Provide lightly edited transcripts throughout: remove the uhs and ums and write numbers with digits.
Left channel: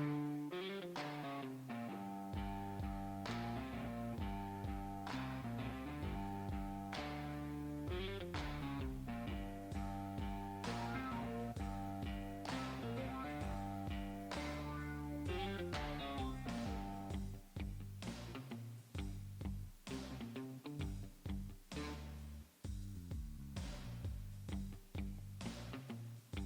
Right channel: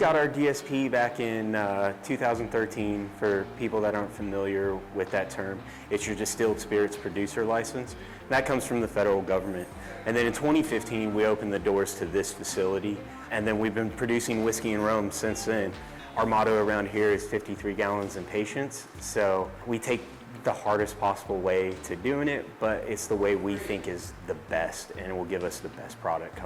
got our DSP back in 2013. For people that aren't familiar with that term, it's your distilled spirits producer license. That comes from the federal government. And then in 2015, we opened the doors to this facility, and then we've been producing whiskey and rum since then. Our motto around here is 53 gallons in patience. So we take the hardest possible way to doing it, but it's the way we think is the best, and it will give us the best product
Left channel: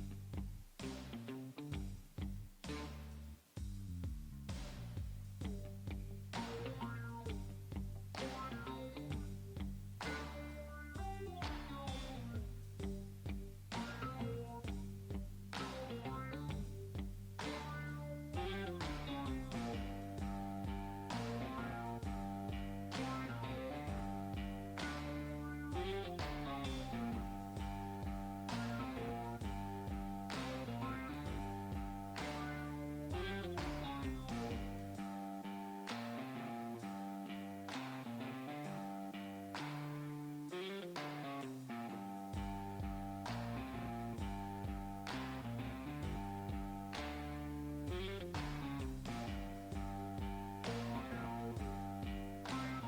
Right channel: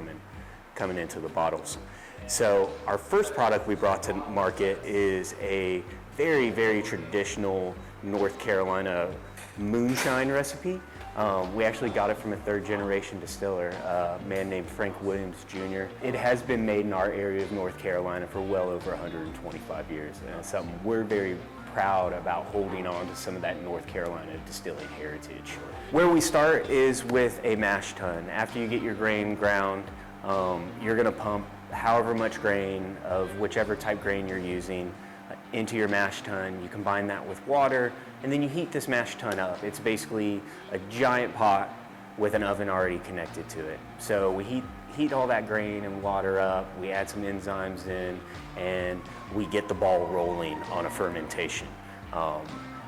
coming into the bottles. So our first product we brought to market is a very, very traditional North Carolina moonshine recipe. We actually got it from a third-generation distiller, a man named Frank Williams Jr. It has been made in our area of North Carolina for well over 125 years, and it's something we're very proud about, holding on to some of that North Carolina distilling heritage. Where we start is with a mash tun. After you get your grain ground, you're going to pump however much grain of whichever type grain you're using into your mash tun. You combine that with water, and then you heat this mash tun up. It's basically a giant pot with an oven already connected to it. So we heat all that grain and water up, we add some enzymes in, and we get the ball rolling on a fermentation.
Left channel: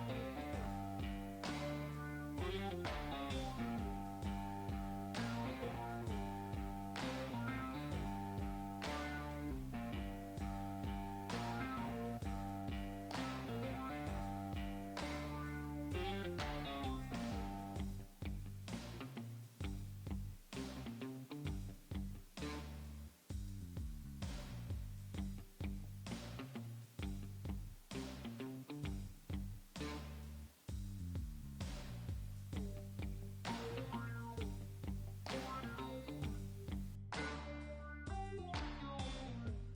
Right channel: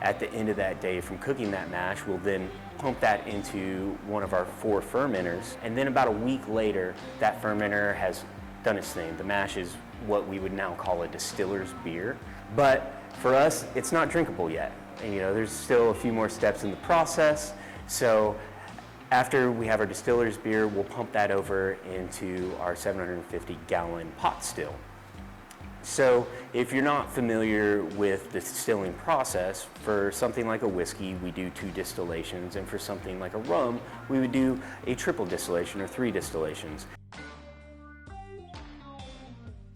At the end of that day from cooking that mash, we'll then pump that into one of our 4 fermenters, and then about a week later, that fermenter has done its thing. The mash is what we would now call a distiller's beer, but for us, it's not drinkable yet. And, there's still a few more steps in the process. So after we have our distiller's beer, we'll pump that over into our 750-gallon pot still. So if you're not familiar with the distilling process, for something like a whiskey, we do 2 distillations, and for something like a rum, we would do a triple distillation or 3 distillations.